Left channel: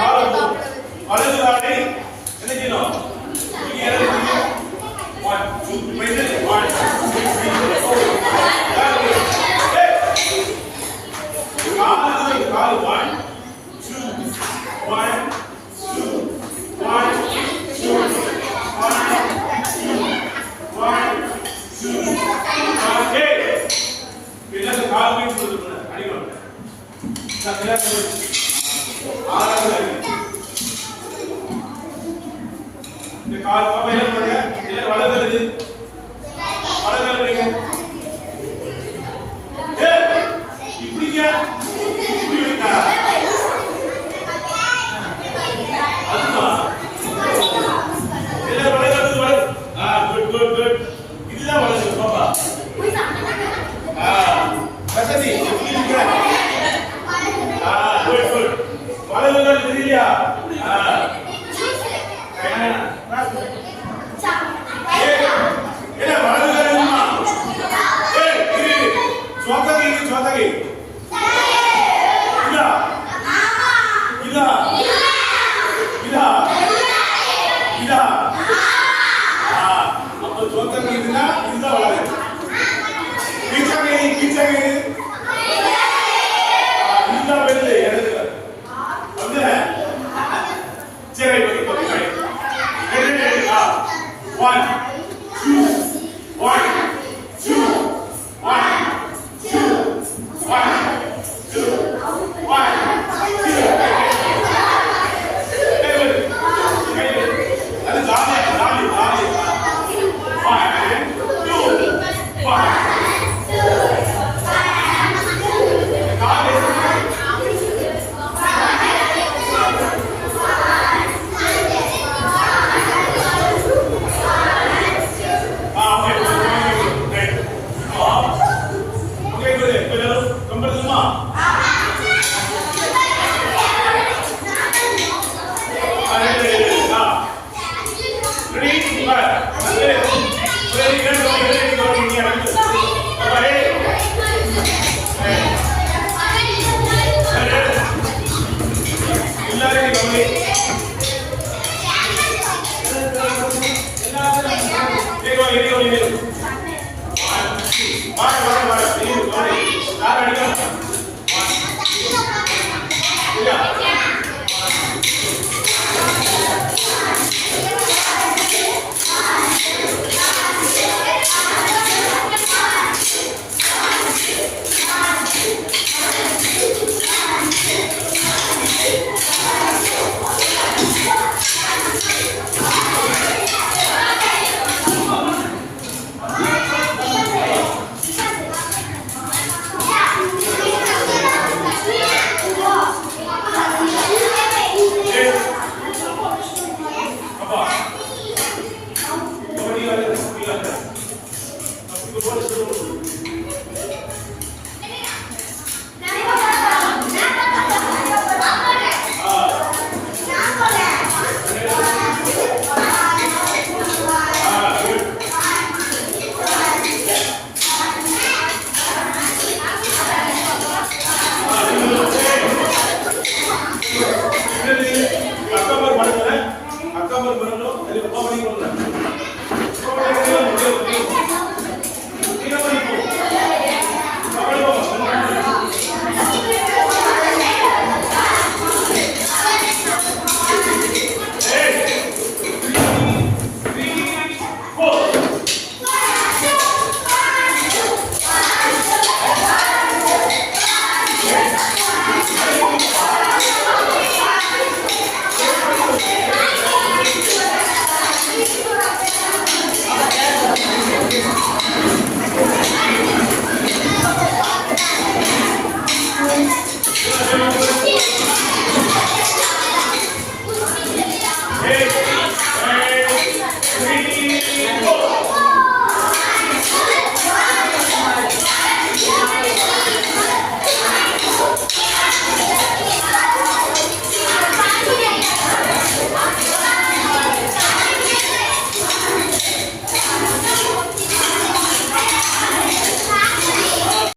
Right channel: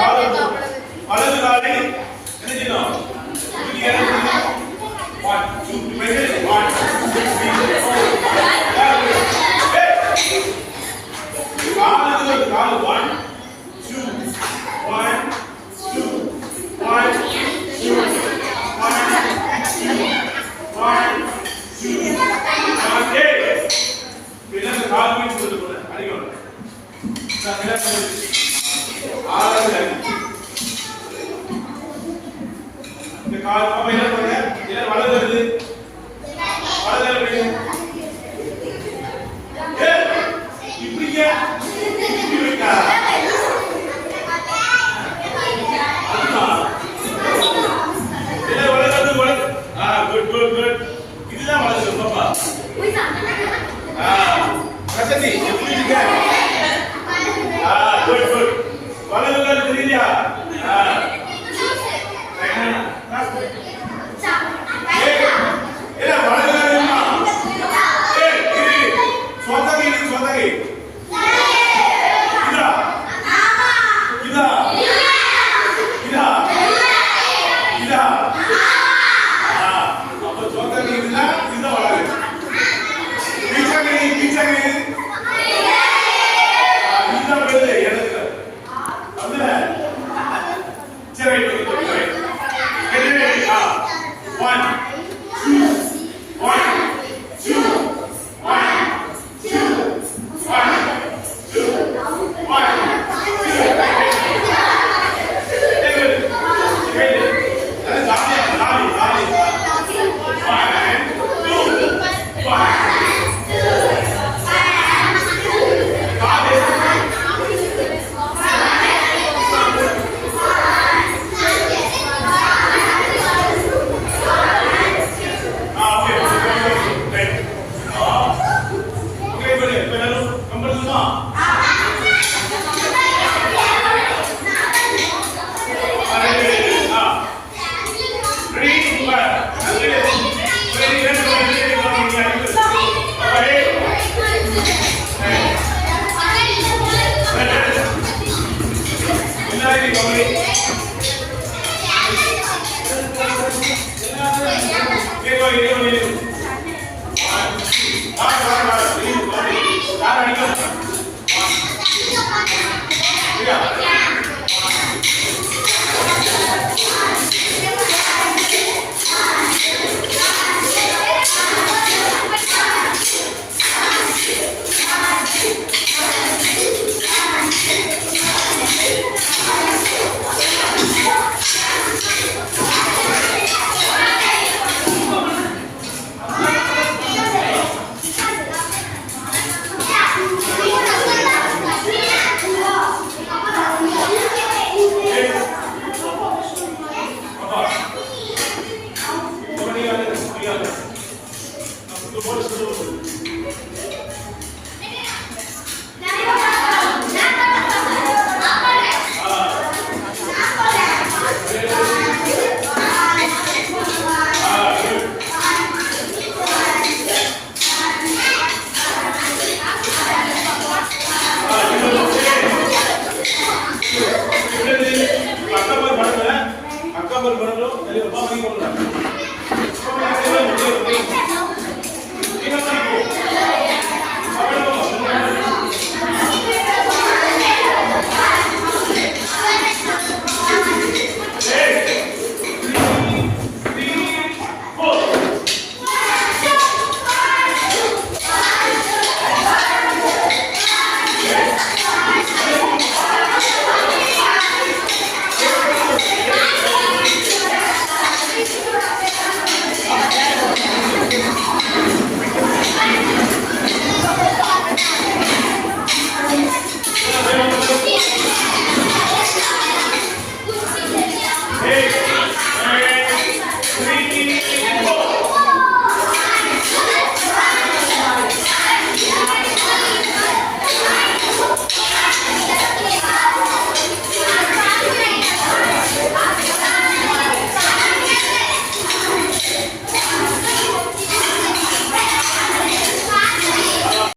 வலது காலை என்ன செய்யணும்? இது இறங்கி 1 2 மெது 1 2 3 4 கால் 1 2 1 2 1 2 1 2 ஓகே என்ன கால் மீட் சொல்லுங்க அடிங்க ஆறாவது இந்த கால் பாப்பா என்ன பண்ணுங்க இத வலது வலது வைங்க இப்படிங்க இப்படி வைங்க இதுதான் வலது பாப்பா கசதி எப்படி இருக்கு குட் வலதுல தெரியலையா ஏ வலதுல தெரியுமா சோதகை இதா அப்ப சோதகை இதுதான் வலது பீச்சகை One, two, one, two, one, two, one, two, one, two.